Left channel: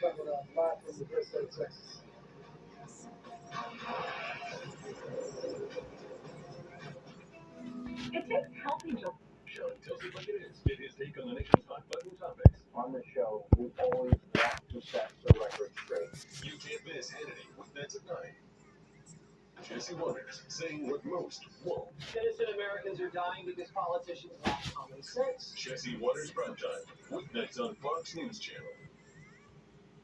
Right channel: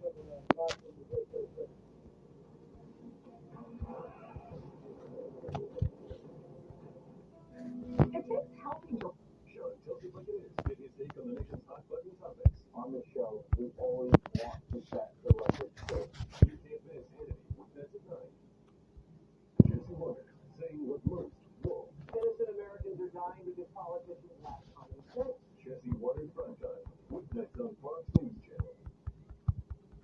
Coming up live from the Bristol, Texas. It takes healthy joy. Show tells it like it is. Get his take on the nation's hot button topics. On the show, we always want to set the record straight. You can't miss Hannity weeknights at 9. Jesse Waters saying what most won't. Innocent Americans are dying because politicians lack common sense. Jesse Waters Primetime weeknights on Fox News Channel.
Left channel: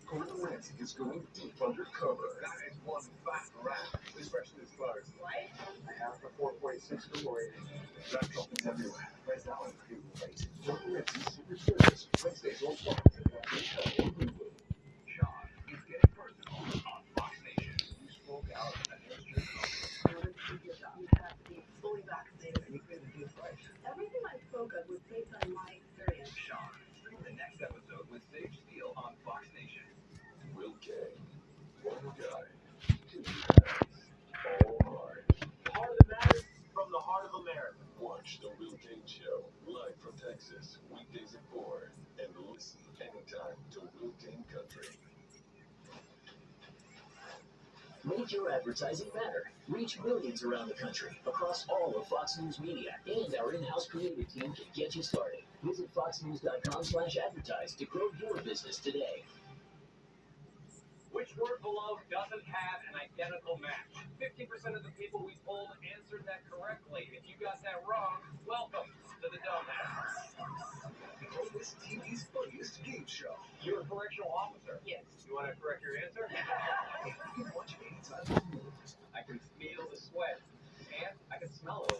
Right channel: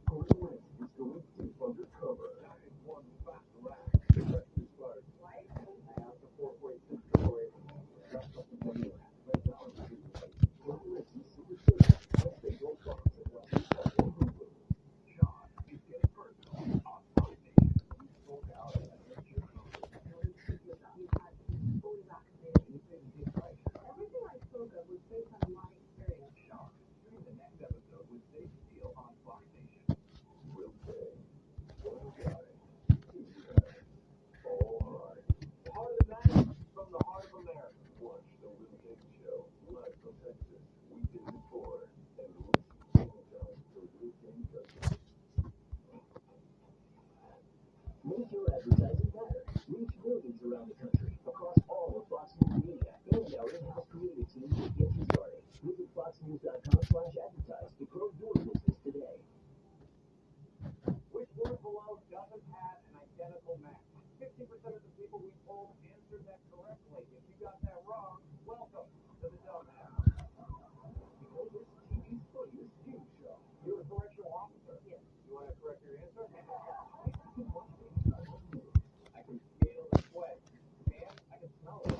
Gordon Ramsay is going deep undercover. That is one fat rat, especially as far as Right? I have the 4.6 score rating. rat droppings everywhere. Right now in review plate. Gordon Ramsay's Secret Service Wednesdays on Fox at 9 on Hulu. Sean is getting personal on Fox Nation. You spoke out against your company. You have to be fully vaccinated. And you paid a good price. Everything I spoke of was based on my experience. Sean, stream the next episode with Sage Steele on Fox Nation. Will K. One guy. Two guys. All hard. Heart of the matter from the heart of America. Watch The Will Kane Show live from Texas, weekdays at 4. And listen anytime to Will Kane Country. Make your advertising matter. Reach millions around the country, across all of Fox News Media, and our in-house creative team will get you started. Visit foxnews.com/advertise to grow your business today. Which word below doesn't have an identical match? 50% of the people we polled answered that correctly. If you got that wrong, welcome to the Dumbass. This TV's funniest game show. You're a correctional officer. Yes. You want to correct your answer? You can watch it anytime you want. I can feel the sweat, and I can smell it.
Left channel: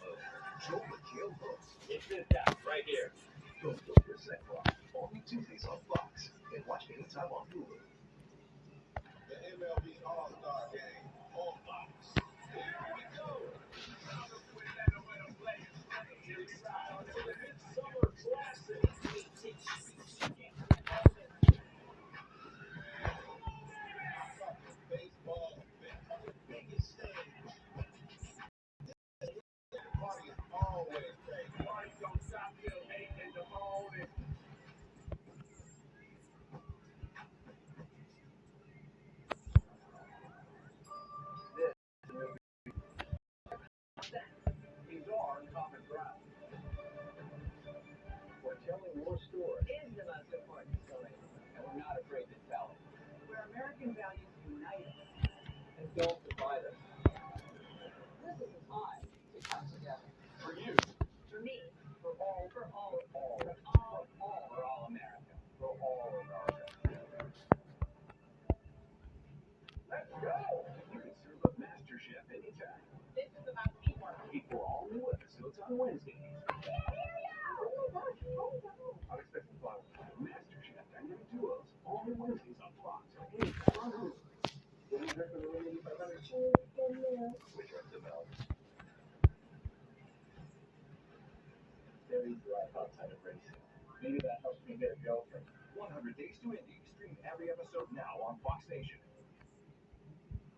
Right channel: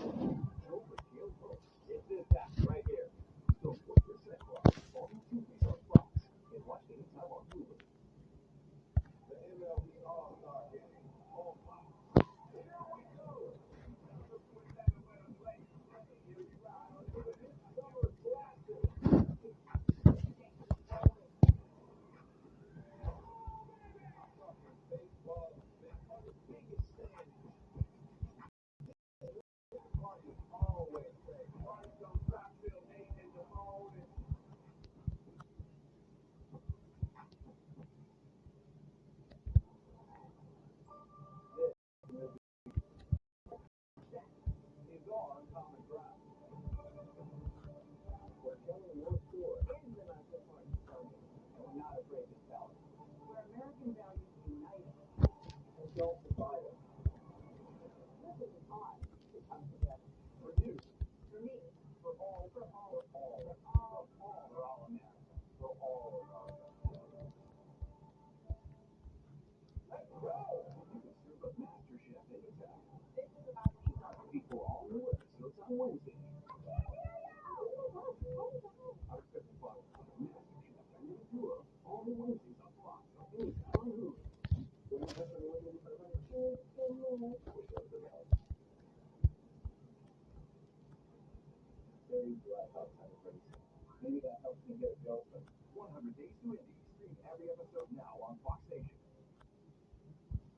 Joe McHale hosts It's this guy right here. the 1% Rock only Tuesdays on Fox. And watch anytime on Hulu. The MLB All-Star Game on Fox. Here we go. Summer Classic. Baseball, biggest stage. Party is always great. Party don't stop till 8 in the morning. These are common ground. We're telling your story. Is the most important story, and we're not afraid to tell it. Where American values unite us and don't divide us. This is a time to come together. For you. For me, for all, for all, for all, for all, for all America. For all America. Let's go! You can serve up MasterChef anytime. This is about teamwork. Before all new episodes on Wednesdays. Unexpected violence. MasterChef Dynamic Duos, all new Wednesdays on Fox or anytime on Hulu. Then you heard from the 8500 Which are the bell. Very dry outside of racing. Maybe that helps me get a girlfriend. 100 Days to Indy. Stream every episode now on Fox Nation.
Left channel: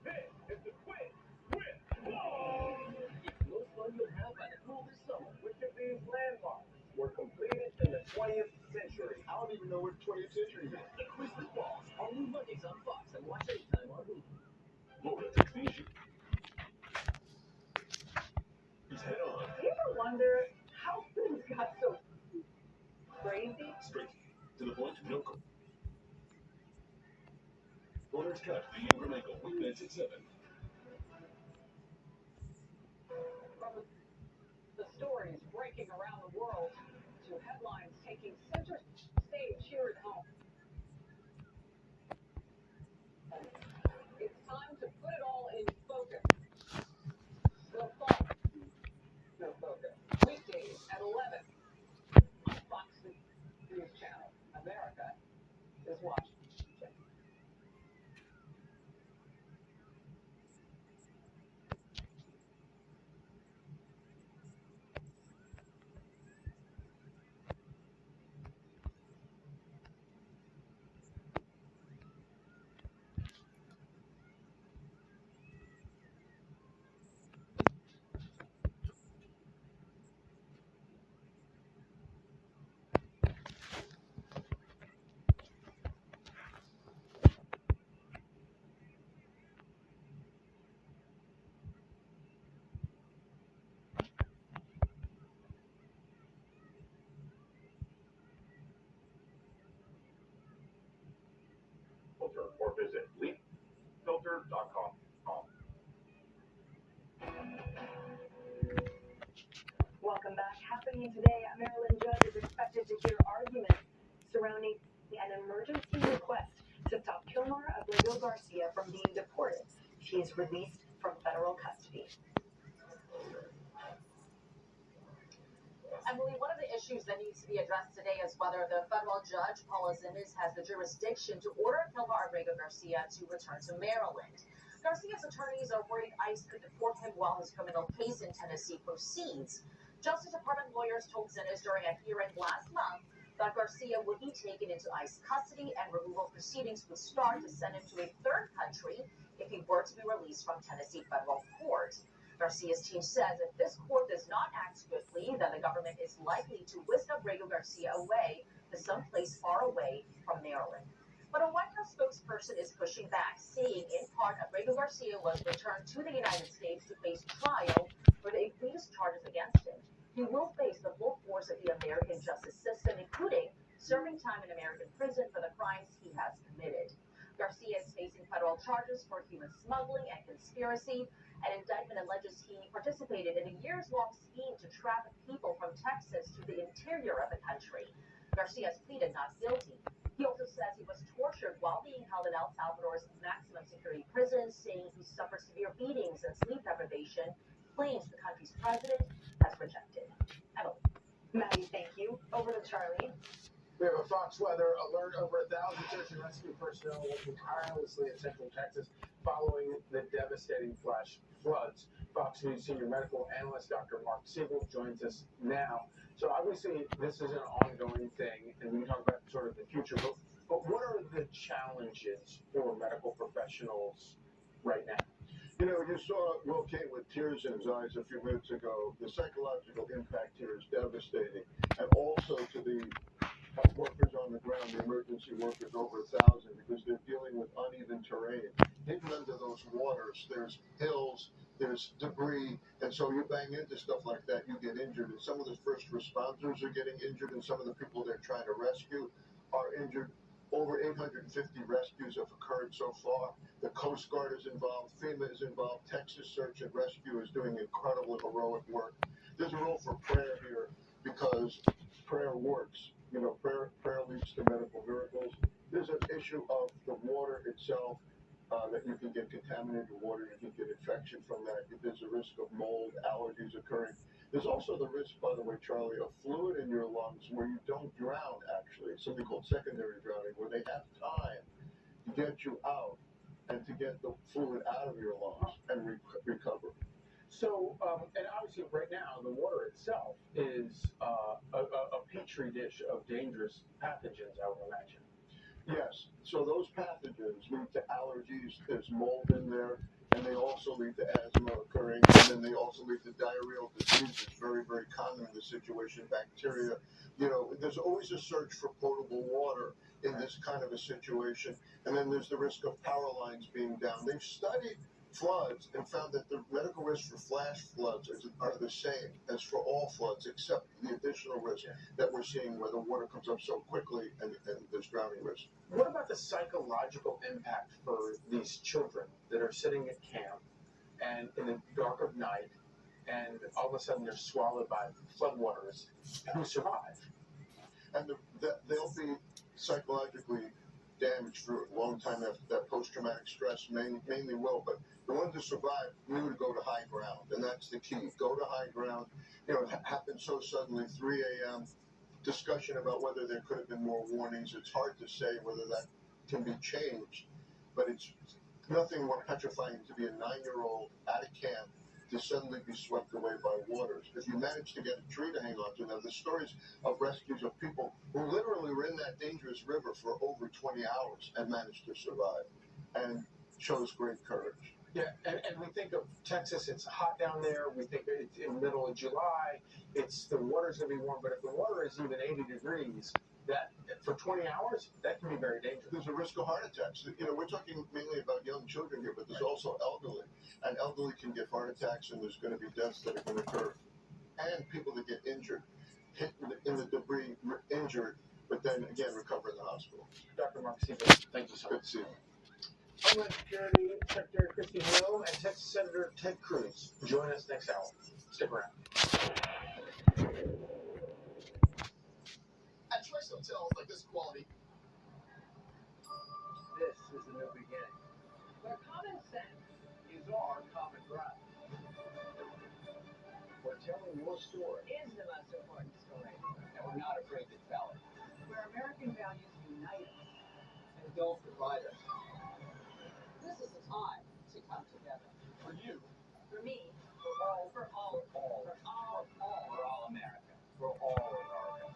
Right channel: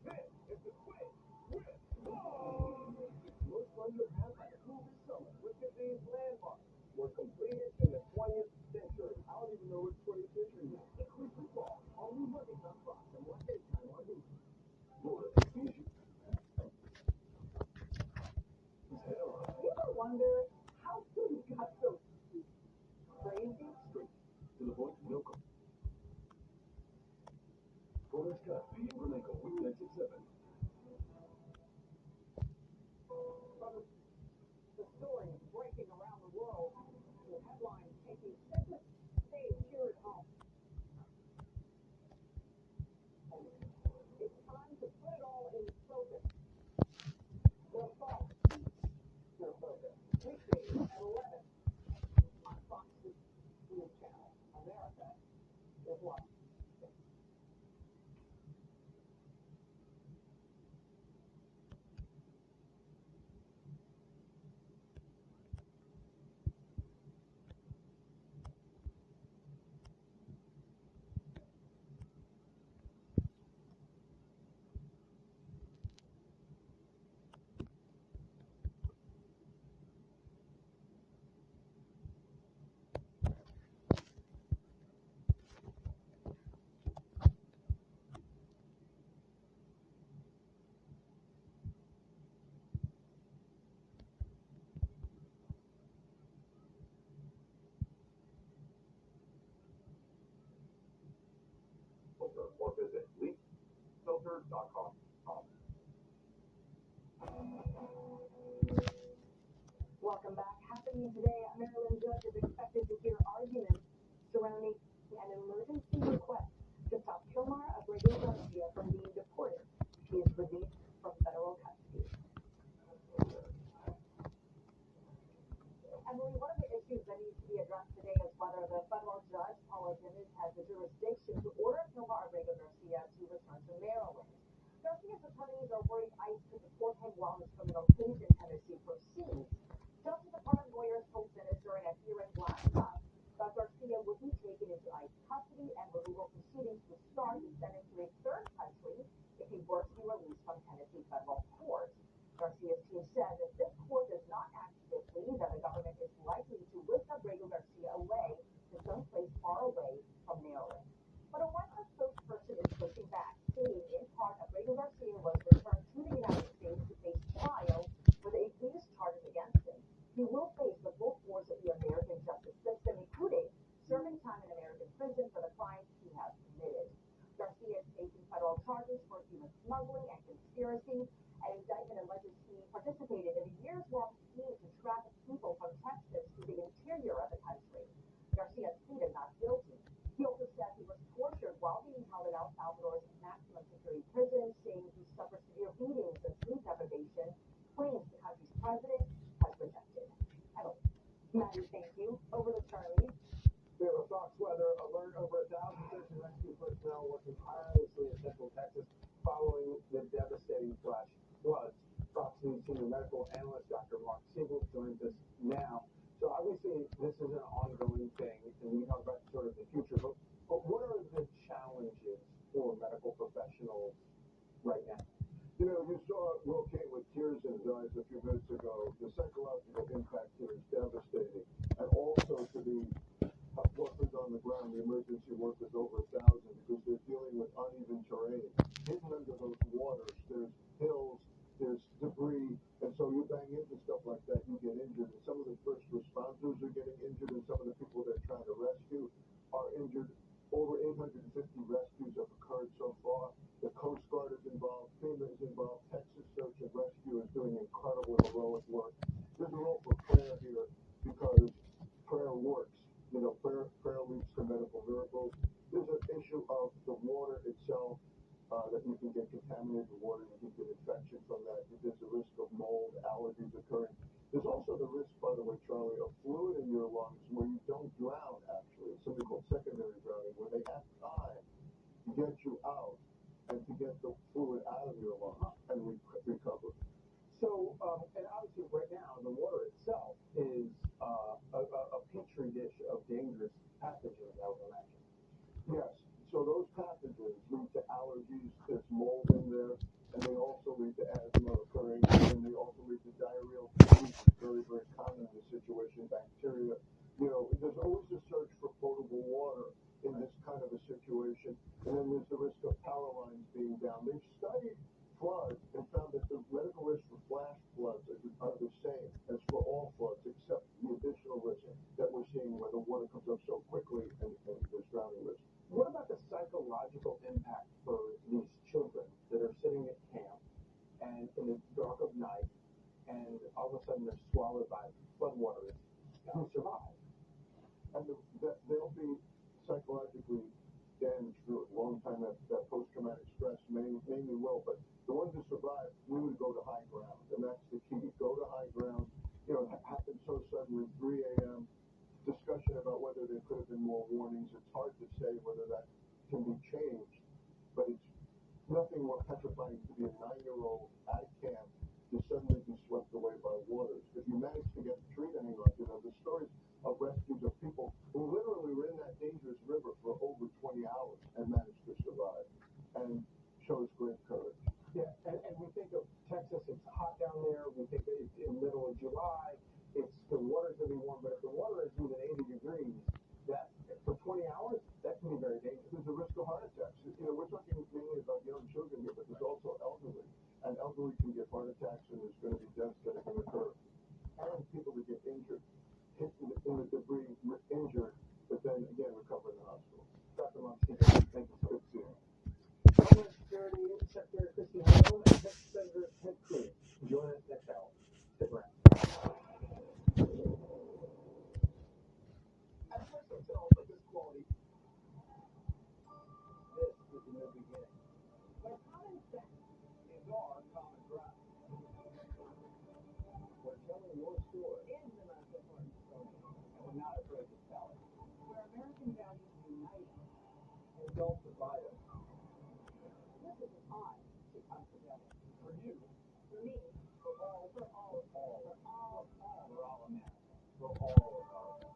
This is the Quiz with Ball. It's the most fun you'll have by the pool this summer. Which of these landmarks were completed in the 20th century? I don't even know what 20th century is. The Quiz with Balls, all new Mondays on Fox, and watch anytime on Hulu. Florida takes the issue. He's head on. You ever wonder how things got so crazy? Straight to the point, no call. Corners cut, the Ingram Ankle, weeknights at 7. From the stories breaking around the world to headlines taking center stage here at home. It's time to put it all in focus. The fun. The focus. Weekdays at 11 on Fox News Channel. America is watching. or visit leapfilter.com. Welcome back. Happening today, a Maryland judge is expected to hear arguments surrounding an emergency request to stop Kilmar Abrego Garcia from being deported. She is released from federal custody. Emily, one of the issues that needs to be addressed today is whether the federal judge, Paula Zinnes, has the jurisdiction to order Kilmar Abrego Garcia to return to Maryland. Garcia's attorneys are worried ICE could deport him while his criminal case in Tennessee proceeds. Justice Department lawyers told Zinnes during a hearing last month that Garcia would be taken into ICE custody and removal proceedings would start to send him to a third country if he were to be released from Tennessee federal court. Garcia's team says if this court does not act swiftly, then the government is likely to whisk Abrego Garcia away to someplace far away from Maryland. But a White House spokesperson is pushing back, saying in part Abrego Garcia was returned to the United States to face trial for the egregious charges against him. He will face the full force of the American justice system, including serving time in American prison for the crimes he has committed. Garcia is facing federal charges for human smuggling and conspiracy. An indictment alleges he participated in a years-long scheme to traffic people from Texas to the interior of the country. Garcia has pleaded not guilty. He also says he was tortured while being held in El Salvador's maximum security prison, saying he suffered severe beatings and sleep deprivation, claims the country's president has rejected. Emily. Maddie, thank you. Over to Charlie. We have a Fox weather alert. Over 1,000 search and rescue personnel working tirelessly in central Texas following the devastating flash floods. Fox News senior medical analyst Dr. Mark Siegel joins us now. So obviously this is an ongoing thing, and we can talk about sort of the future, but what are the challenges for medical professionals right now? You know, you saw Will Kane with tears in his eyes a few minutes ago. The psychological impact here is devastating. And also to the workers on the ground, the emergency workers, over 1,000, because they're dealing with uneven terrain. Hidden under those waters, there's hills, there's debris, and so you bang into stuff like that, you get injured. And some of the first responders are getting injured, and some of the people they're trying to rescue are injured. Over 850 rescues have occurred so far. The Coast Guard is involved, FEMA is involved, Texas Search and Rescue is doing incredible heroic work. There's a role for prayer here because prayer works. You know, prayer leads to medical miracles. There's an issue of the water itself, that you can get contaminated water, you can get infection from that. There's a risk of mold, allergies occurring. There's also the risk, by the way, Charlie, of fluid in your lungs where you don't drown, actually. It's something called secondary drowning, where they have time to get you out and to get the fluid out of your lungs and recover. So, and obviously right now, the water itself is a petri dish of dangerous pathogens, I would imagine. Yes, so those pathogens lead to allergies, there's mold in there, and they also lead to asthma occurring, and then they also lead to diarrheal diseases, very, very common in this situation, bacteria. You know, there's always a search for potable water in this kind of a situation, and then there's the risk of power lines being down. They've studied floods and found that the medical risk for flash floods are the same as for all floods, except the additional risk that we're seeing where the water comes up so quickly and there's drowning risk. What about the psychological impact for these children that are sitting at camp and in the dark of night, and all of a sudden they're swallowed by floodwaters who survive? And they'll be psychologically damaged for a long time after that. Post-traumatic stress mainly will, but the ones that survive knew to go to high ground, and that's the key. Go to high ground. You know, it happened so suddenly, 3 a.m., discussion about whether there could have been more warnings. It's hard to say whether that can be changed, but it's nothing more petrifying to be a 9-year-old at a camp to suddenly be swept away by waters. If you manage to get a tree to hang on to, now the stories of rescues of people who literally were in that dangerous river for over 20 hours and managed to survive and shows great courage. Yeah, and we think of Texas, it's hot down there. We think it's in the middle of July. The water's going to be warm, but if the water is even 80 degrees, that for 20 hours, that can be very dangerous. There's a risk of heart attacks. You know, we're talking mainly about young children here, but there's also elderly. And elderly can get heart attacks, and there's going to be deaths that are going to occur. And people that get injured, hit in the debris, injured, but then again recover in the hospital. Dr. Mark Siegel, thank you so much. Good to see you. Homeland Security Secretary Kristi Noem and Texas Senator Ted Cruz. Join us next hour. Stick around. At choice hotels like this quality, This is a new beginning. Where common sense Is our common ground. We're telling your story, is the most important story. and we're not afraid to tell it. Where American values unite us. And don't divide us. This is a time to come together. For you, For me, for all, For all. for all, For all. for all America. For all America.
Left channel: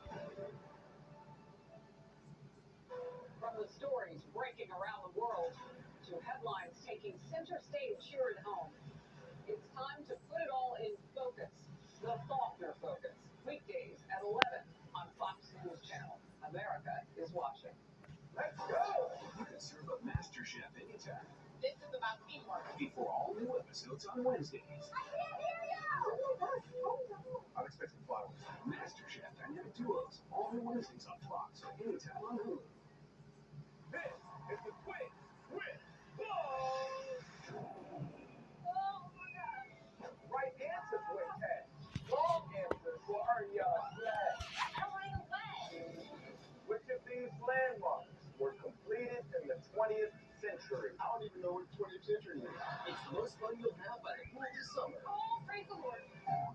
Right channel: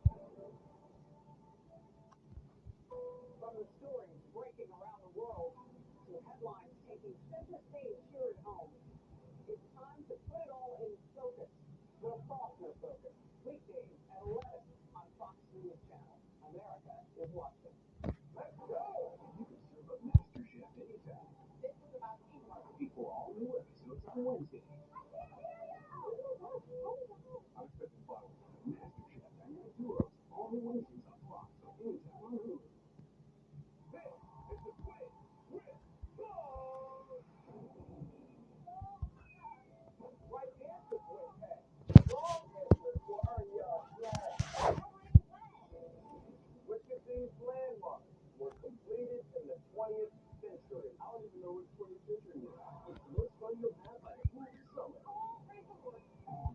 From the stories breaking around the world to headlines taking center stage here at home, it's time to put it all in focus. The Faulkner Focus. Weekdays at 11 on Fox News Channel. America is watching. Let's go! you can serve a master chef anytime. This is about teamwork. Before all new episodes on Wednesdays. Unexpected flowers. Master Chef Dynamic Duos. All new Wednesdays on Fox or anytime on Hulu. This is the quiz with Flo. Right answer, Quintet. Wrong answer will earn you a flag. Which of these landmarks were completed in the 20th century? I don't even know what the 20th century is. It's the most fun you'll have by the pool this summer. Oh, praise the Lord.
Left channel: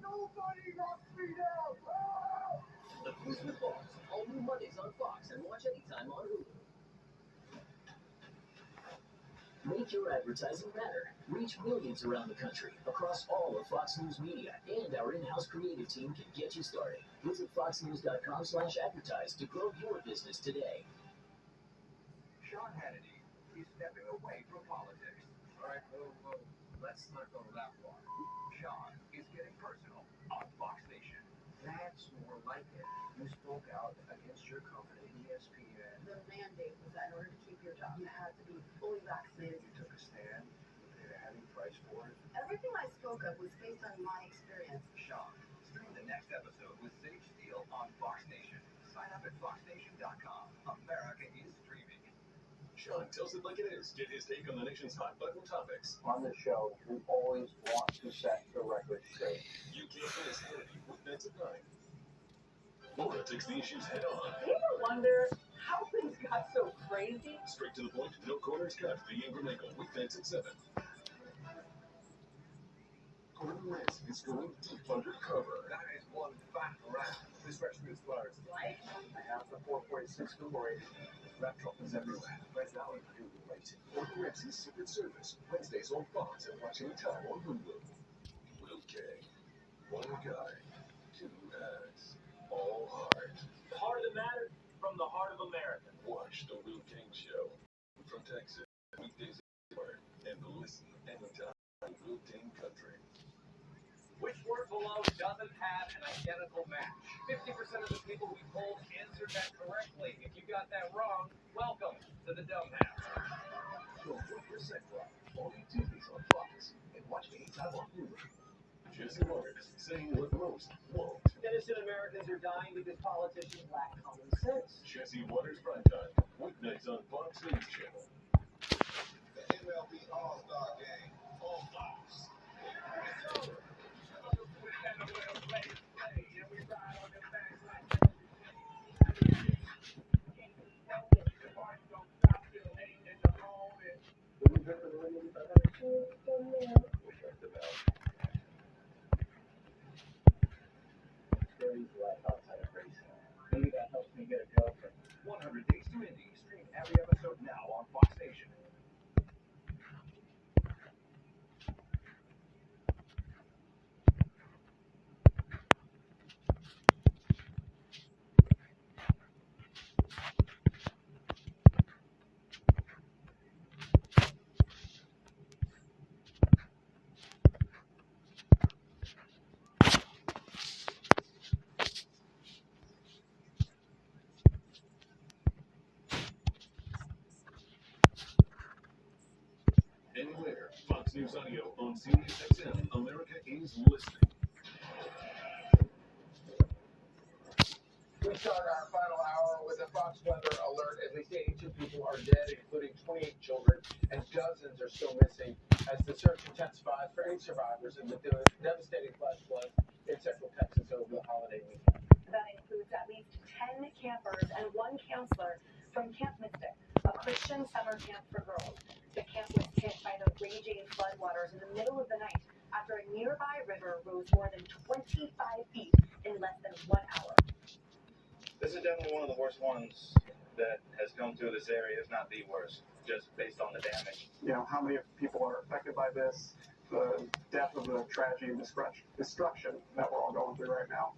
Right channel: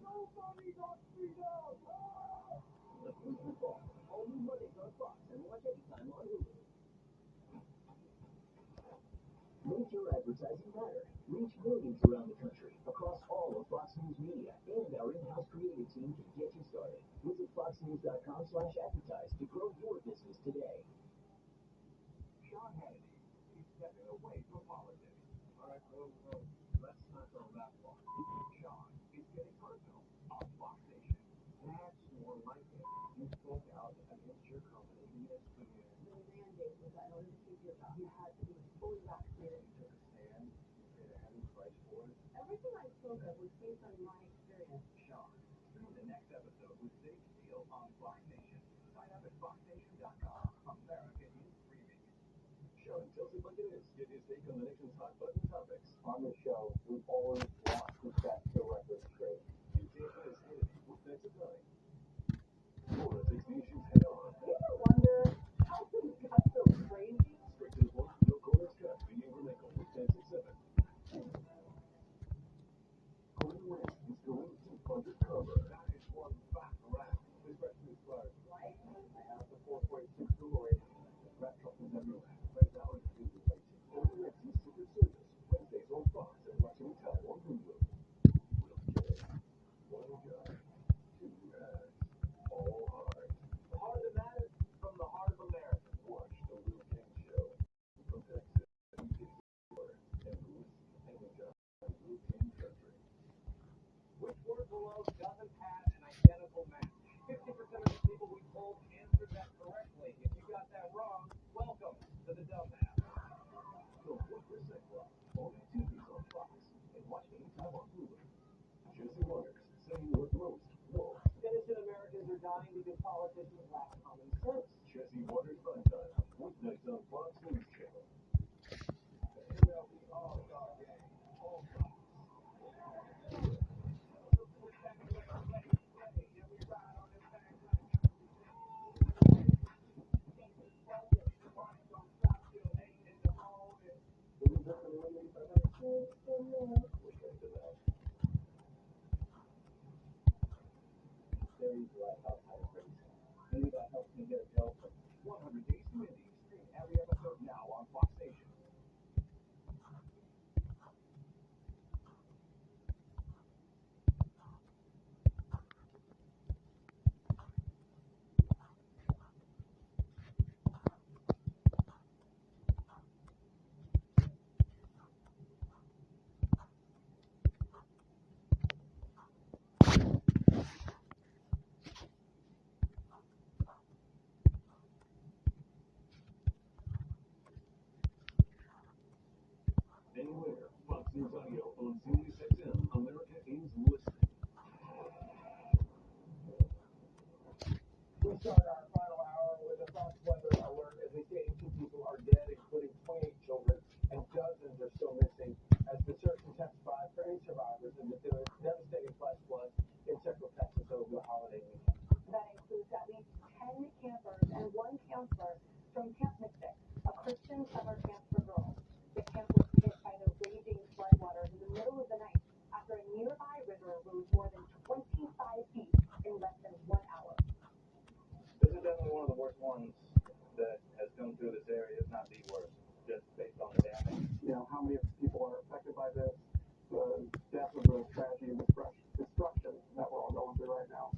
Nobody got me down. Ah! The Cruise with Boss. All new Mondays on Fox and watch anytime on Hulu. Make your advertising matter. Reach millions around the country, across all of Fox News Media, and our in-house creative team can get you started. Visit foxnews.com/advertise to grow your business today. Sean Hannity, he's stepping away from politics. All right, whoa. Let's not go that far. Sean is getting personal on Fox Nation. That's more like it. You spoke out against your company, ESPN. the mandate was that in order to keep your job, you had to be fully vaccinated. You took a stand. You paid a heavy price for it. Everything I spoke of was based on my experience. Sean, stream the next episode with Sage Steele on Fox Nation. Sign up at foxnation.com. America is streaming. Sean tells it like it is. Get his take on the nation's hot button topics. On the show, we always want to set the record straight. You can't miss Hannity weeknights at 9. Laura takes the issues head on. Do you ever wonder how things got so crazy? Straight to the point, no corners cut. The Ingram Angle weeknights at 7. Gordon Rance is going deep undercover. That is one fat rat. This rescue is closed. Like, I have the 4.6 Google rating. Rat droppers everywhere. Right now in Google rating. Gordon Ramsay's Secret Service. Wednesdays on Fox and watch anytime on Hulu. Will K. One guy. Two hats. All heart. Heart of the matter from the heart of America. Watch the Will King Show from Texas. Weekdays at 4. And listen anytime on Will King Country. Which word below doesn't have an identical match? 50% of the people we polled answered that correctly. If you got that wrong, welcome to the Dumb House. Go 1% right. Only Tuesdays on Fox. And watch anytime on Hulu. Jesse Waters saying what most won't. Innocent Americans are dying because politicians lack common sense. Jesse Waters Primetime. Weeknights on Fox News Channel. The MLB All-Star Game on Fox. Maybe that helps me get a girlfriend. 100 Days to Indy. Stream every episode now on Fox Nation. Anywhere. Fox News Audio on Sirius XM. America is listening. We start our final hour with a Fox weather alert. At least 82 people are dead, including 28 children, and dozens are still missing as the search intensifies for any survivors in the devastating flash flood in Central Texas over the holiday weekend. That includes at least 10 campers and one counselor from Camp Mystic, a Christian summer camp for girls. The camp was hit by the raging floodwaters in the middle of the night after a nearby river rose more than 25 feet in less than 1 hour. This is definitely one of the worst ones that has come through this area, if not the worst, just based on the damage. You know, how many people are affected by this, the depth of the tragedy and destruction that we're all going through right now.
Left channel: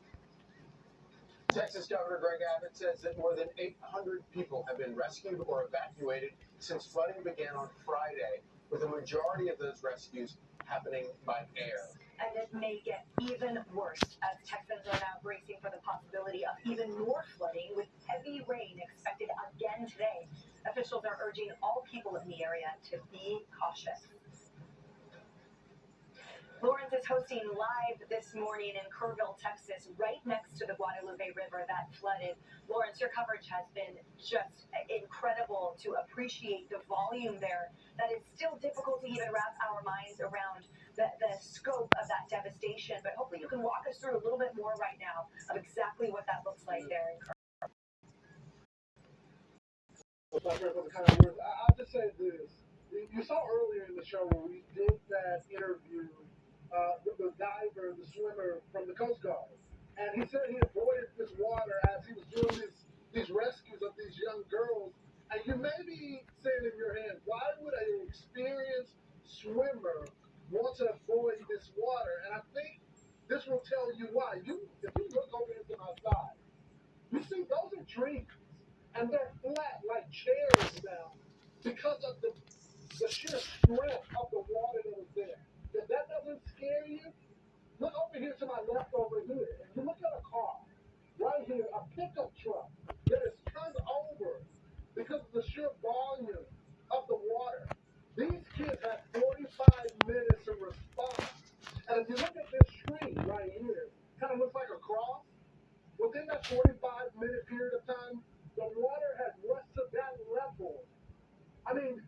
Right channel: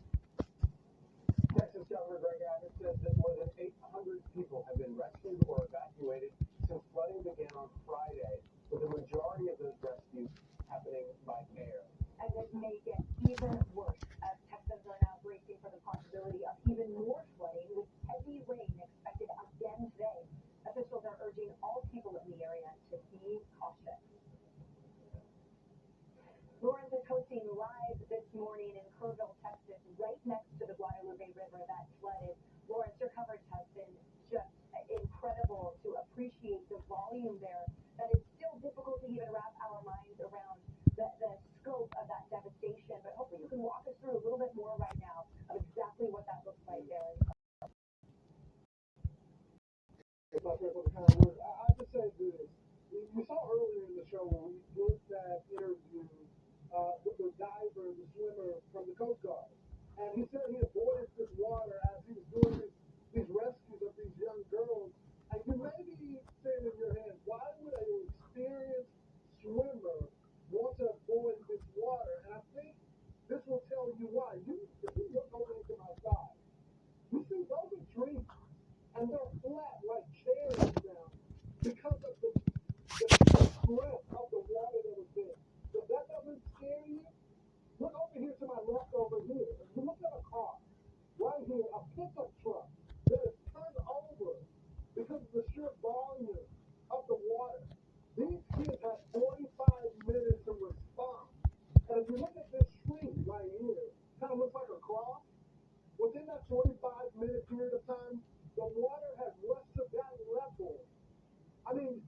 Texas Governor Greg Abbott says that more than 800 people have been rescued or evacuated since flooding began on Friday, with the majority of those rescues happening by air. And it may get even worse as Texans are now bracing for the possibility of even more flooding with heavy rain expected again today. Officials are urging all people in the area to be cautious. Lawrence is hosting live this morning in Kerrville, Texas, right next to the Guadalupe River that flooded. Lawrence, your coverage has been just incredible to appreciate the volume there. That is still difficult to even wrap our minds around the scope of that devastation, but hopefully you can walk us through a little bit more right now of exactly what that looks like there in Kerrville. I'll just say this. You saw earlier in the show when we did that interview the diver, the swimmer from the Coast Guard. And he said he avoided this water as he was doing these rescues of these young girls. And you may be saying in your head, why would an experienced swimmer want to avoid this water? And I think this will tell you why. If you look over into my side, you see those are trees. And they're flat like chairs now because of the sheer strength of the water that was there. If that doesn't scare you, look over here to my left over here. If you look at a car, right here, a pickup truck that is turned over because of the sheer volume of the water. These kids had 45 minutes to respond. And if you look at this tree right here, kind of looks like a cross. Within that 45-minute period of time, the water has rushed to that level. I mean,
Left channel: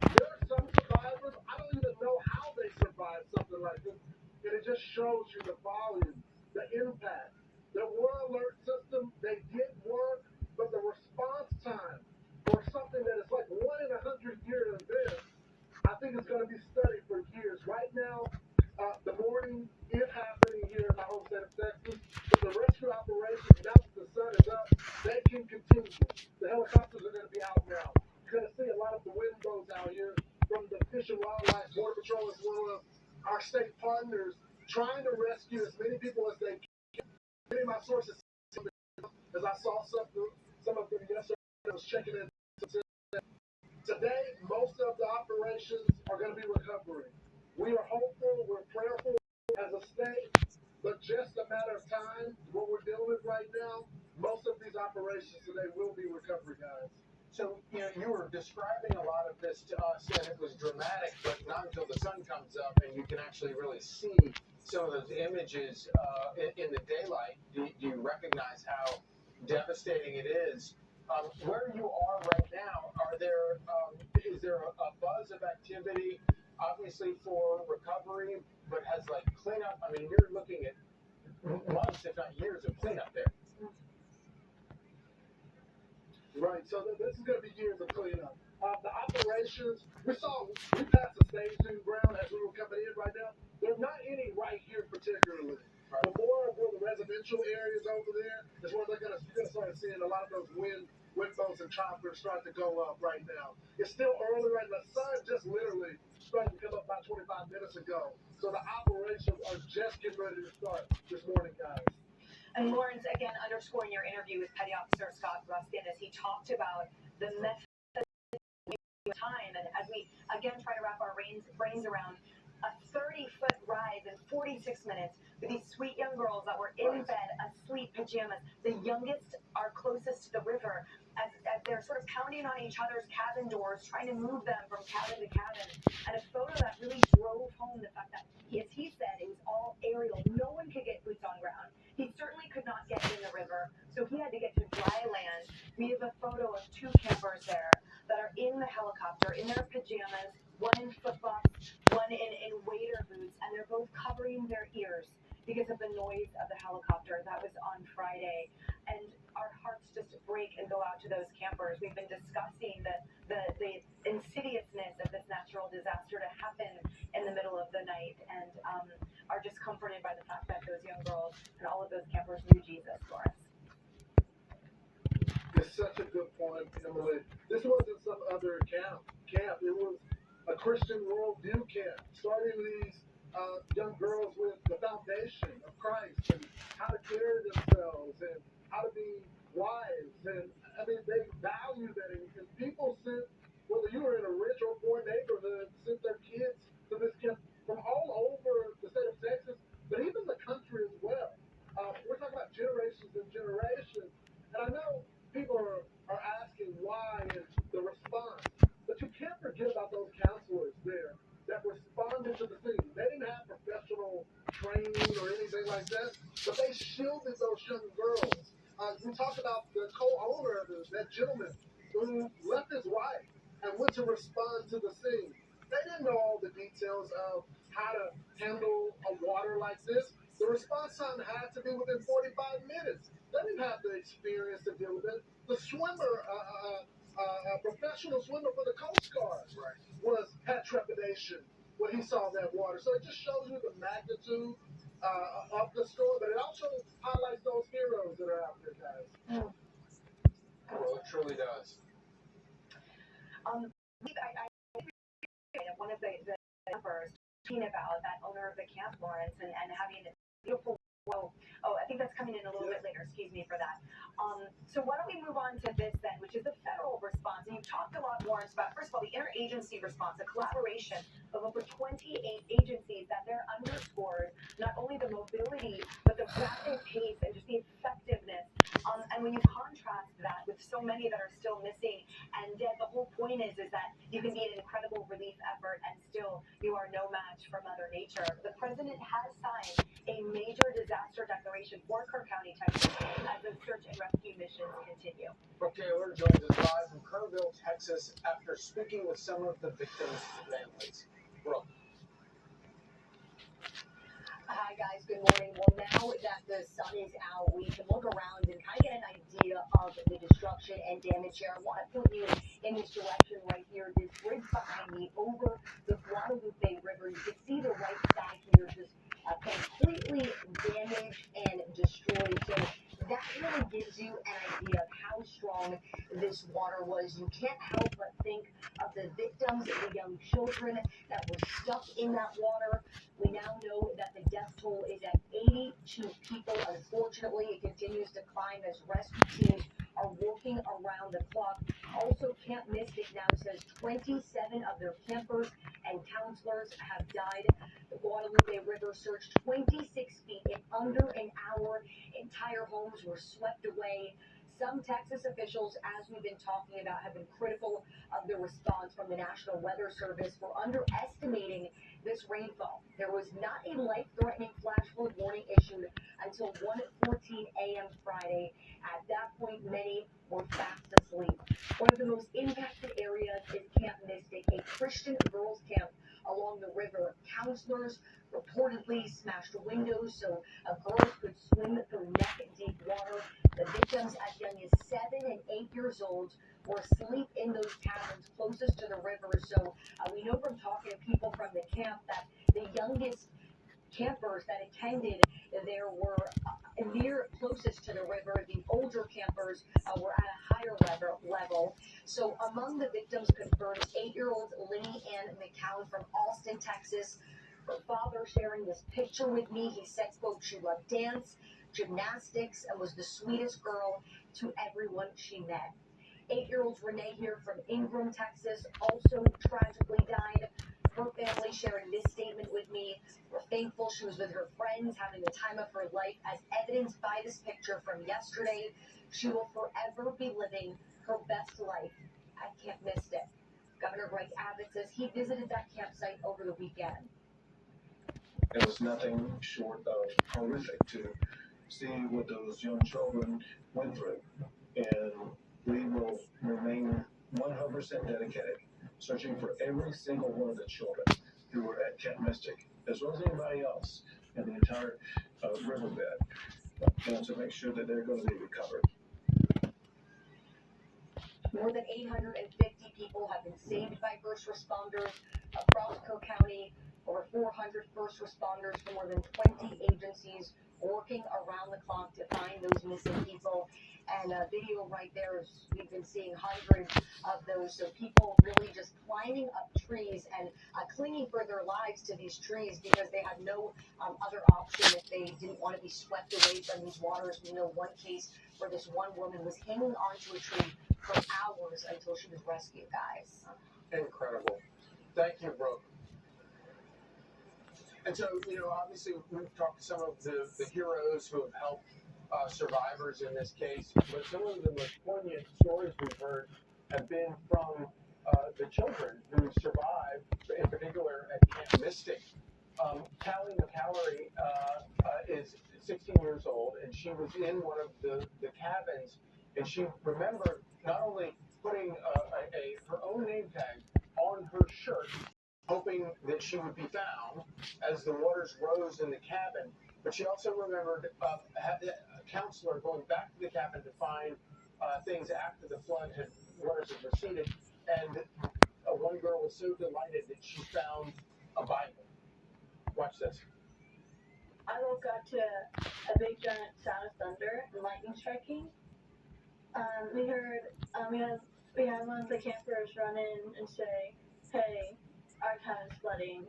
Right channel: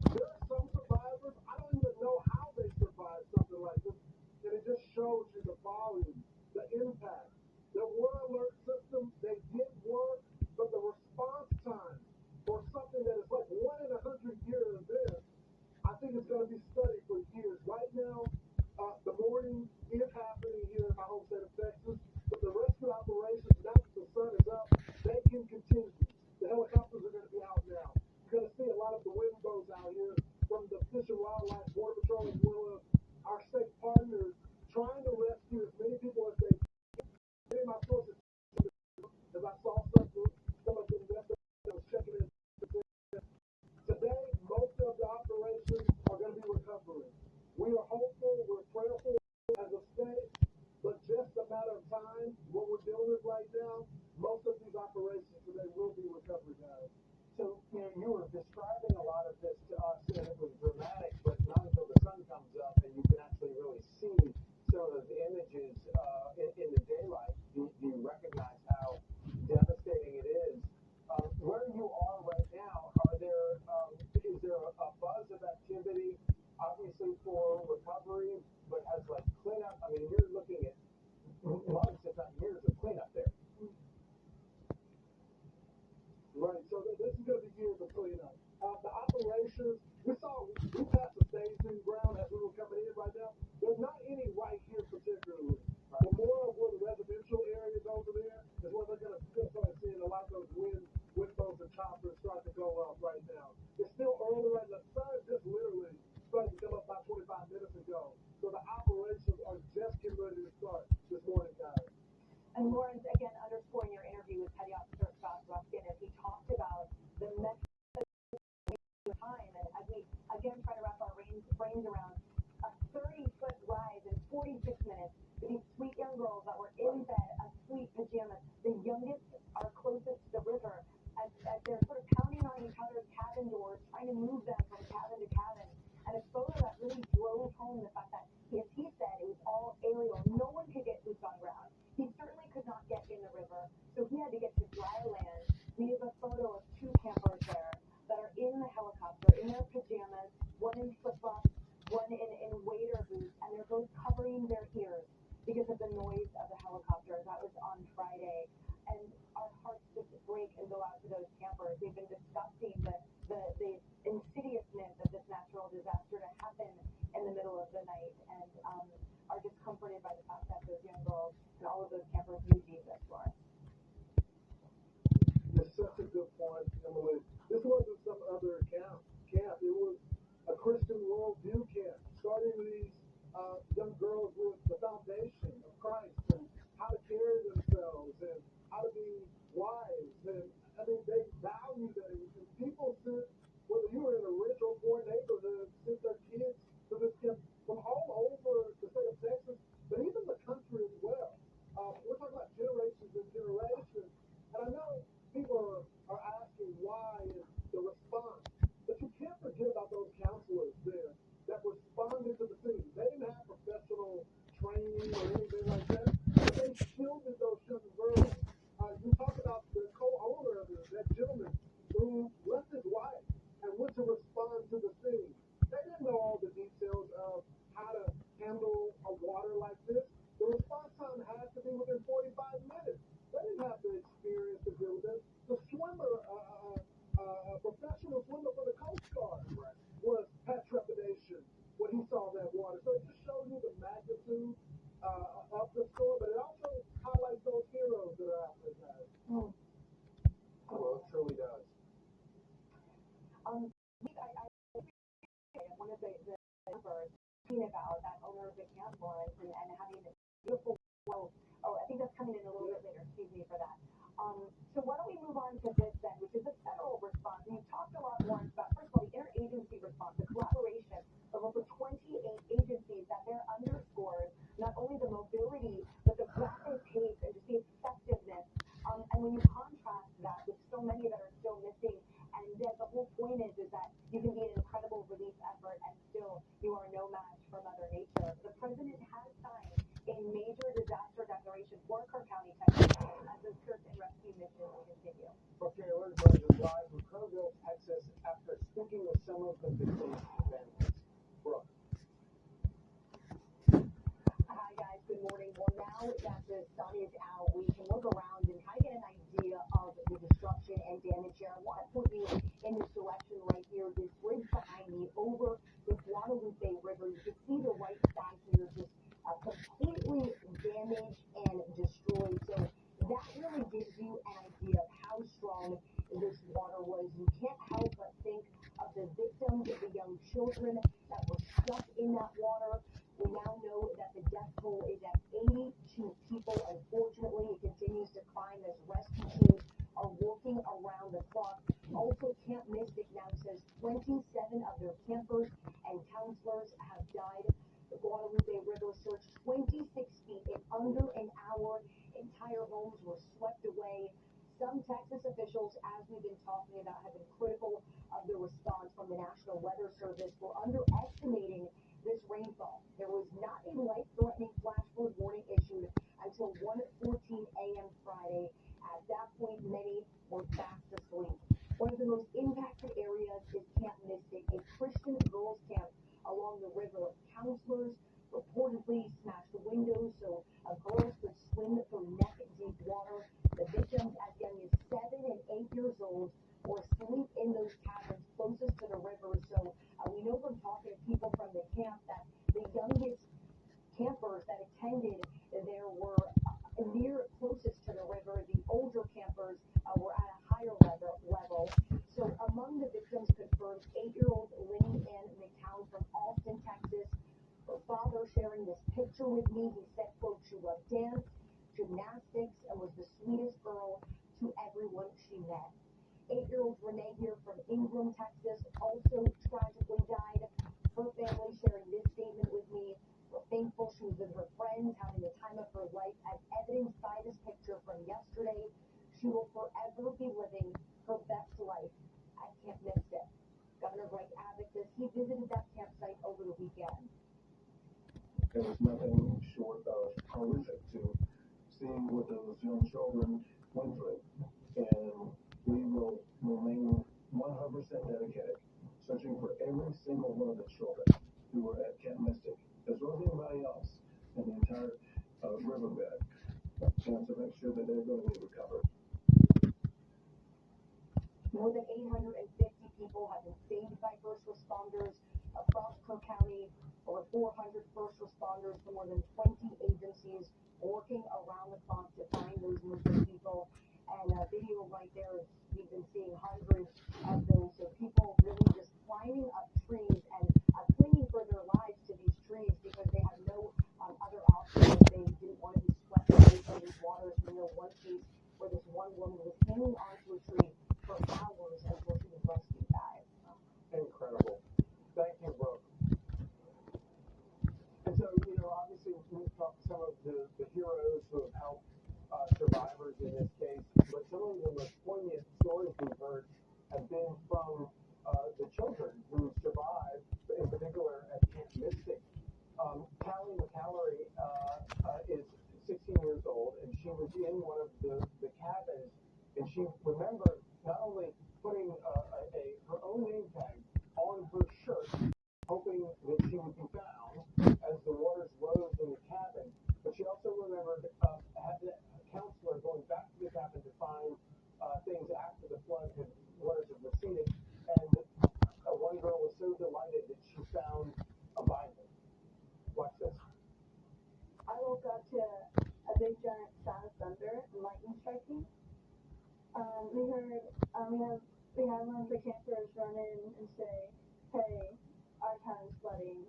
there are some survivors, I don't even know how they survived something like this. And it just shows you the volume, the impact. There were alert systems, they did work, but the response time for something that is like 1 in 100-year event, I think it's going to be studied for years. Right now, the morning is happening here in my home state of Texas, but the rescue operations, now that the sun is up, they can continue. The helicopters are going to be out now. You're going to see a lot of the wind boats out here from the Fish and Wildlife, Border Patrol, as well as our state partners, trying to rescue as many people as they can. Many of my sources, as I saw some of them yesterday, I was checking in. Today, most of the operations are going to be recovering. We are hopeful, we're prayerful as a state, but just a matter of time, what we're dealing with right now, most of these operations today will be recovery, guys. So, you know, you were describing a lot of this to us, and it was dramatic, but not until the sun comes up and you can actually really see some of those images in the daylight. Do you recognize how devastating it is? Where you are right now, is there a buzz of activity, obviously for recovery, but has like cleanup? I mean, you're looking at months, if not years, of cleanup there. Right, so this is going to be years of cleanup. The operations, we passed the staging ground as we were coming in right now. There's not any right here particularly. Right. The more of where the residential areas over there is where you're going to start seeing a lot of those wind boats and choppers start to go up right now. It's still early right now. The sun just literally started to come up about 25 minutes ago. So the operations are just getting ready to start this morning, guys. And Lawrence, again, underscoring your interview with Petty Officer Scott Ruskin as he talked about the method of time. And as we, again, try to wrap our brains around a 30-foot rise in 46 minutes with these sweet young girls that were in bed, asleep, pajamas. The youngest are closest to the river as they're sort of pounding on each other's cabin doors, trying to move them from cabin to cabin. And a photo that really drove home the fact that, as he said, it was all aerial. No one could get boots on ground. He certainly could not get in the river, so he had to get to dry land. We have a photo of 2 campers there that are in the helicopter in their pajamas, one in flip-flops, one in waiter boots, and they're both covering their ears because of the noise of the helicopter. That was on Friday. And our hearts just break and go out to those campers. We've been discussing the insidiousness of this natural disaster to happen in the middle of the night, and are just comforted by the fact that those young girls and all of those campers knew Jesus for us. It's such a good point, Emily. This wasn't some other camp. It was a Christian worldview camp, starting these young girls with the foundation of Christ and how to carry themselves and how to be wise. And I mean, they value that. And people sent, whether you were in a rich or poor neighborhood, sent their kids to this camp from all over the state of Texas, but even the country as well. We're talking about generations and generations. And I know people are asking why and the response, but you can't forget about those counselors there that responded to the scene. They didn't have professional training or anything like that, but they shielded those young girls. We talked about the co-owner of that gentleman who left his wife and went to respond to the scene. They didn't know all the details of how to handle a water like this. The response time had to be within 45 minutes. They didn't have the experience to deal with it. The swimmer, professional swimmer for the Coast Guard, had trepidation when he saw that water. So it just shows you the magnitude of the storm, but it also highlights those heroes that are out there, guys. Well, it truly does. One of the members talking about that owner of the camp, Lawrence, and having a beautiful. I think that's coming in a little bit later. Excuse me for that. So why don't we move on to this then, which is the federal response. And you've talked a lot, Lawrence, about, first of all, the interagency response, a collaboration of over 28 agencies that there underscores not only the mobility, but the rapid pace and just the effectiveness. And when you contrast that with so many that are still missing and dead, the whole point is that you can be an incredible relief effort and still you are no match for Mother Nature. The president has signed a major disaster declaration for Kerr County, Texas, as the search and rescue missions continue. Brooke Taylor joins us live from Kerrville, Texas, after speaking with some of the victims' families. Brooke. Hi guys, good morning. Well, now that the sun is out, we can look around and kind of get an idea of the destruction and damage here. I want to point you in this direction right here. This bridge behind me over the Guadalupe River. You can see the right side here just completely damaged and destroyed. So that really gives you an idea of how strong this water was. You can't help but think of the victims, the young children that were stuck in that water. We now know that the death toll is at 82 people. Unfortunately, it continues to climb as rescue teams are working around the clock. Also, Camp Mystic now says 27 of their campers and counselors have died. The Guadalupe River surged 26 feet in under an hour. Entire homes were swept away. Some Texas officials, as we've been talking about, have been critical of the response from the National Weather Service for underestimating this rainfall. There was not a life-threatening flash flood warning issued until 1:14 a.m. Friday. At that point, many were fast asleep. One of the most impacted areas is Camp Mystic, a Christian girls' camp along the river. Counselors reportedly smashed windows so girls could swim through neck-deep water. The victims, as young as 7 and 8 years old, were asleep in those cabins closest to the river. So we know from talking to people from the camp that the youngest campers that attended there were near closest to the river. The older campers were at a higher level. So among the victims confirmed 8-year-old Linny Ann McCown from Austin, Texas. Her father sharing this picture with me. He said, quote, she loved dance, gymnastics, and was the sweetest girl to everyone she met. 8-year-old Renee here from Ingram, Texas, also tragically died. Her family sharing this statement with me. We're thankful she was with her friends, having the time of her life, as evidenced by this picture from yesterday. She will forever be living her best life at Camp Mystic. Governor Greg Abbott says he visited that campsite over the weekend. It was nothing short of horrific to see what those young children went through. And we will remain 100% dedicated, searching for every single one of the children who were at Camp Mystic, as well as anybody else in the entire riverbed, to make sure that they're going to be recovered. More than 850 people have been saved by first responders across Cook County. Over 400 first responders from more than 20 agencies working around the clock to find those missing people. And a video right there is we've been seeing hundreds of those. So people really just climbing up trees and clinging for their lives to these trees because they had no other option if they didn't want to be swept away from these waters. We know one case where this one woman was hanging onto a tree for hours until she was rescued, guys. Incredible. Thank you, Brooke. And so, obviously we've talked to some of the heroes who have helped survivors in this case, but some of the most poignant stories we've heard have been from the children who survived, in particular at Camp Mystic. Callie McCallery is 16 years old, and she was in one of the cabins, and she remembered not only putting her own name tag on her shirt, hoping that she would be found as the waters rose in the cabin, but she also remembered a counselor going back to the cabin to find things after the waters had receded, and one girl was so delighted that she found a Bible. Watch this. I woke up to a big giant sound of thunder and lightning striking. We had one of the campers run in and say, "Hey, our cabin's flooding,"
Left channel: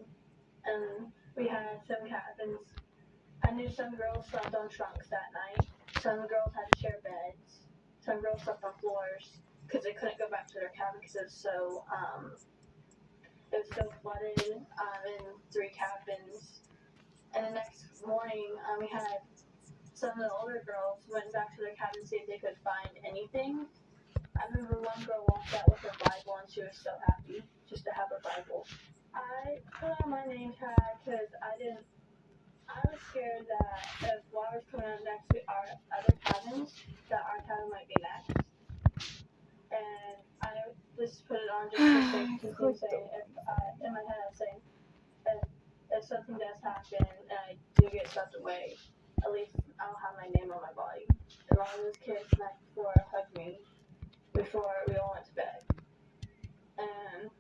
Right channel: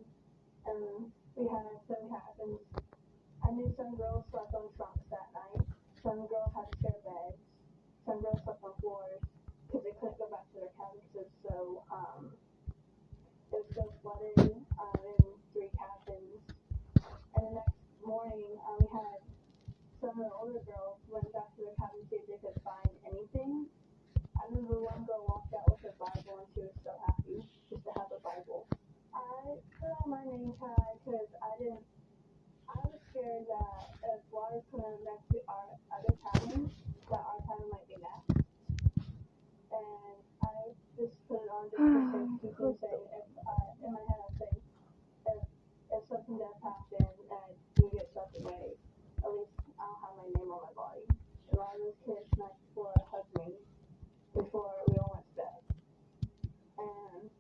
and we had some cabins. I knew some girls slept on trunks that night. Some girls had to share beds. Some girls slept on floors because they couldn't go back to their cabin because it was so flooded in 3 cabins. And the next morning, we had some of the older girls went back to their cabin to see if they could find anything. I remember one girl walked out with her Bible and she was so happy just to have a Bible. I put on my name tag because I was scared that if water's coming up next to our other cabins, that our cabin might be next. And I just put it on just for safety, saying in my head I was saying, if something does happen and I do get swept away, at least I'll have my name on my body. And all those kids next door hugged me before we all went to bed. And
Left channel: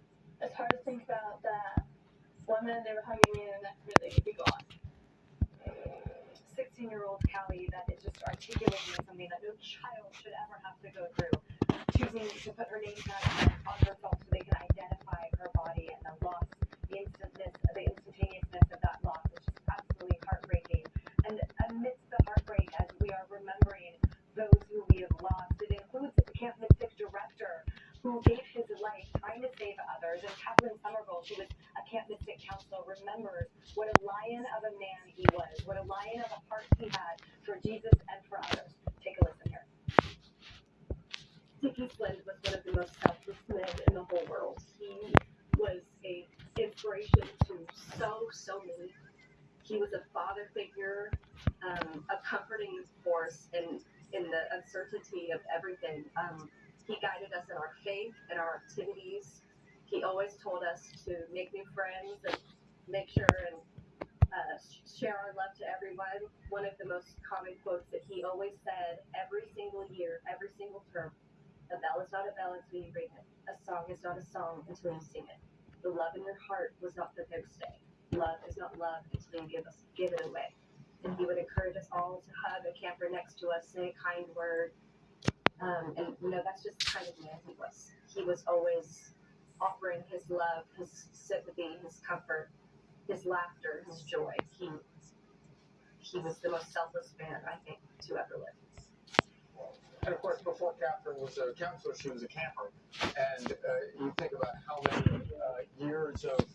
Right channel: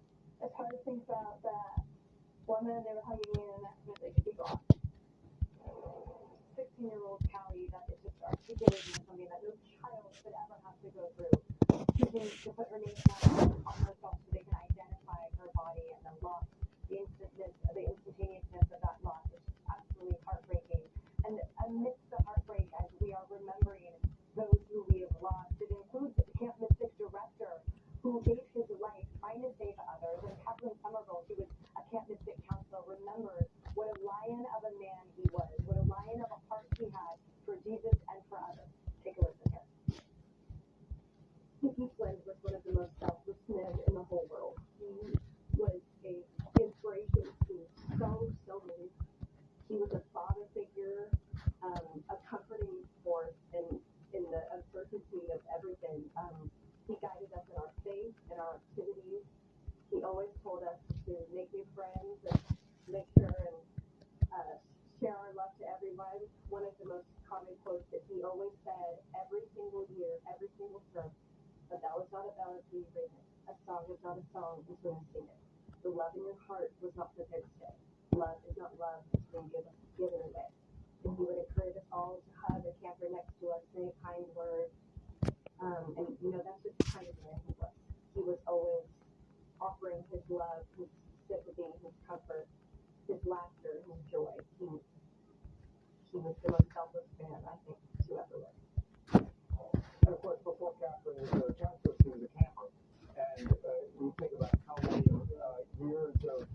it's hard to think about that. 1 minute they were hugging me and the next minute they could be gone. 16-year-old Callie that is just articulating something that no child should ever have to go through. Choosing to put her name tag on herself so they can identify her body and the loss, the instantaneousness of that loss is just absolutely heartbreaking. And amidst the heartbreak, as we are remembering those who we have lost, it includes the Camp Mystic director who gave his life trying to save others, and Kathleen Somerville, who was a Camp Mystic counselor, remembers what a lion of a man he was, what a lion of a heart he had for Jesus and for others. Take a listen here. Dickie Flynn was one of the most selfless men in the whole world. He was an inspiration to so many. He was a father figure, a comforting force in the uncertainty of everything. He guided us in our faith and our activities. He always told us to make new friends and make sure and share our love to everyone. One of the most common quotes that he always said every single year, every single term: "A bell is not a bell until you ring it. A song is not a song until you sing it. The love in your heart was not for there to stay. Love is not love until you give it away." And he would encourage us all to hug a camper next to us, say a kind word. And that's just the kind of man he was. He was always offering his love, his sympathy, his comfort, his laughter, his joy. He was the most selfless man, I think, to ever live. And of course, before Catherine was a counselor, she was a camper. And you think about how many years of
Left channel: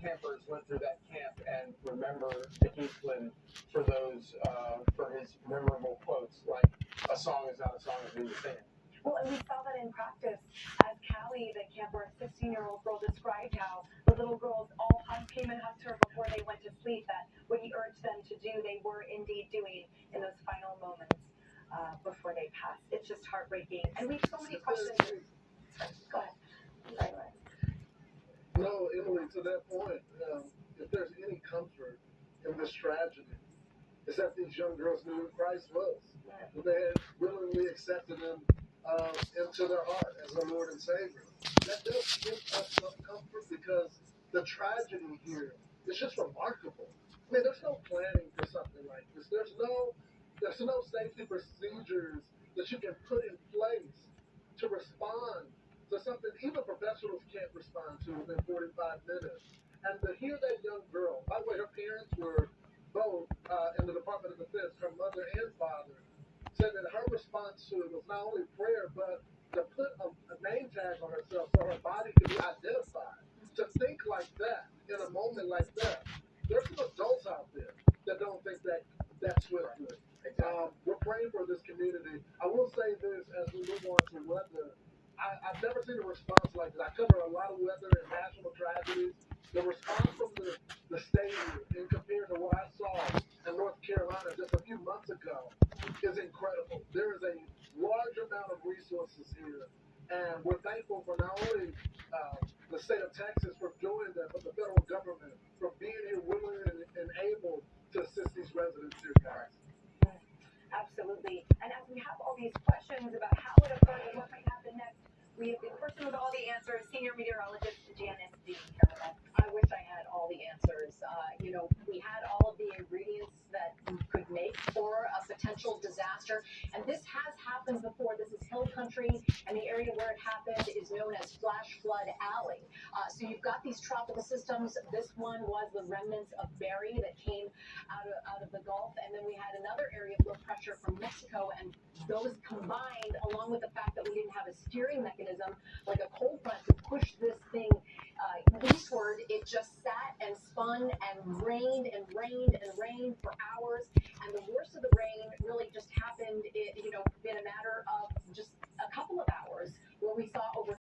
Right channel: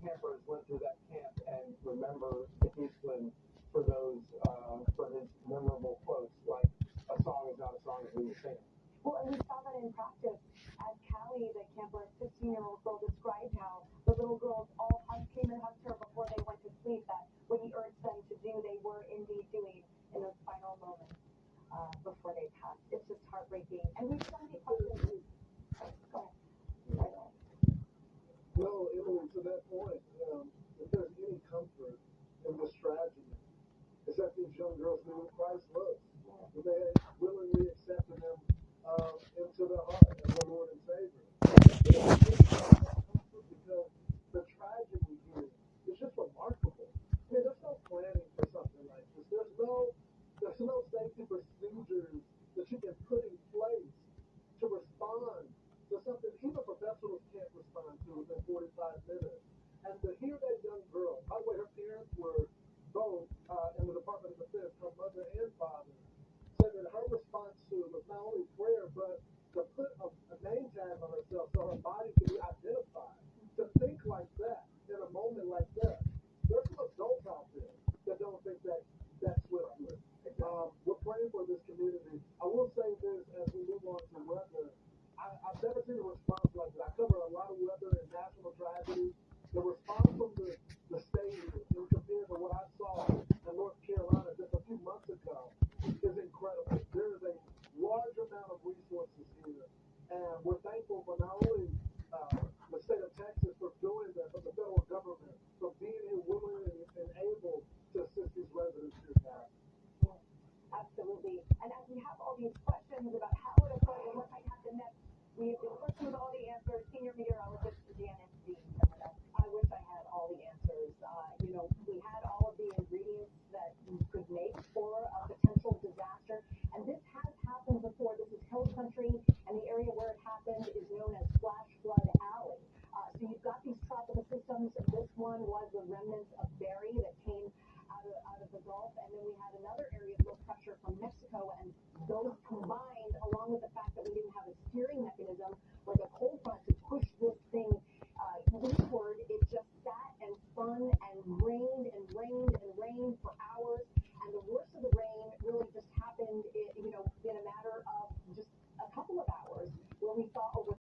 campers went through that camp and remember Dickie Flynn for his memorable quotes like, "A song is not a song until you sing it." Well, and we saw that in practice as Callie, the camper, 16-year-old girl, described how the little girls all came and hugged her before they went to sleep, that what he urged them to do, they were indeed doing in those final moments before they passed. It's just heartbreaking. And we have so many questions. No, Emily, to that point, if there's any comfort in this tragedy, it's that these young girls knew who Christ was. They had willingly accepted him into their heart as their Lord and Savior. That doesn't give us some comfort because the tragedy here is just remarkable. I mean, there's no planning for something like this. There's no safety procedures that you can put in place to respond to something even professionals can't respond to within 45 minutes. And to hear that young girl, by the way, her parents were both in the Department of Defense, her mother and father, said that her response to it was not only prayer, but to put a name tag on herself so her body could be identified. To think like that in a moment like that, there's some adults out there that don't think that that's swiftly. We're praying for this community. I will say this as we move on to weather. I've never seen a response like this. I cover a lot of weather and national tragedies. The response from the state in compared to what I saw in North Carolina just a few months ago is incredible. There is a large amount of resources here, and we're thankful for not only the state of Texas for doing that, but the federal government for being here willing and able to assist these residents here, guys. Absolutely. And as we have all these questions about how it occurred and what might happen next, we have the person with all the answers, senior meteorologist Janice Dean here with us. I wish I had all the answers. We had all of the ingredients that we could make for a potential disaster, and this has happened before. This is hill country, and the area where it happened is known as Flash Flood Alley. So you've got these tropical systems. This one was the remnants of Barry that came out of the Gulf, and then we had another area of low pressure from Mexico, and those combined, along with the fact that we didn't have a steering mechanism like a cold front to push this thing eastward, it just sat and spun and rained and rained and rained for hours. And the worst of the rain really just happened, in a matter